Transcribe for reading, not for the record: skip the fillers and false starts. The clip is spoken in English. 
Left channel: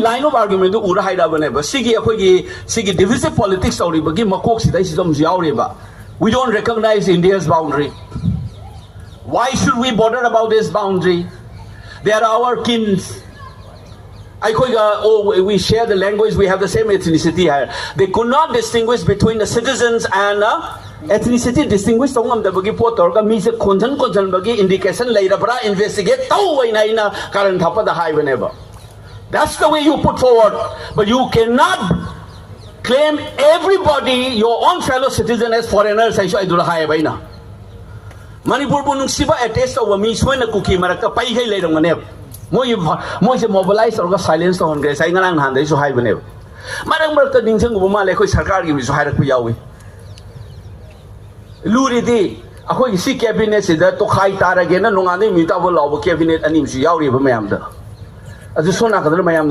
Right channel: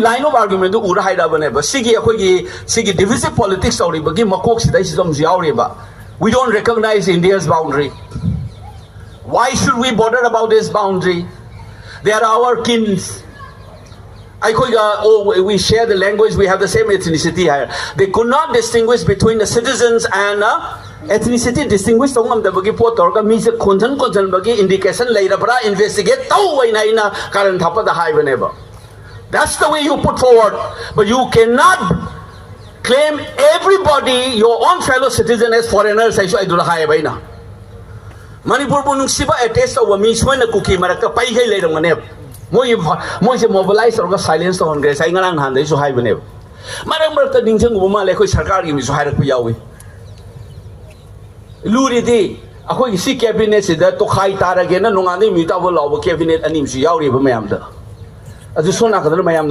line of argument to ura haida bane ba sigi divisive politics sauri ba gi makok sidai sidam jiauri ba. We don't recognize India's boundary. Why should we bother about this boundary? They are our kins. We share the language, we have the same ethnicity here. They could not distinguish between the citizens and ethnicity distinguish tongam da bagi po torga mi se konjan bagi indication lairabra investigate tau wai naina karan thapa da hai baneba. That's the way you put forward, but you cannot claim everybody, your own fellow citizen, as foreigners. I do the high baina. Manipur punung siba a taste of a means when a cookie maraka pai hai later manep. Mo se mobilize or silence on grace. I ngan hand is high baneb. Madam Berta Dingson Wuma Leko Sakari is higher Kuyawi. Luridi, a whole sea cabinet is there to high tar again, and no other mutable cabinet and him she yauri of a mamda. As the son of the Mayam.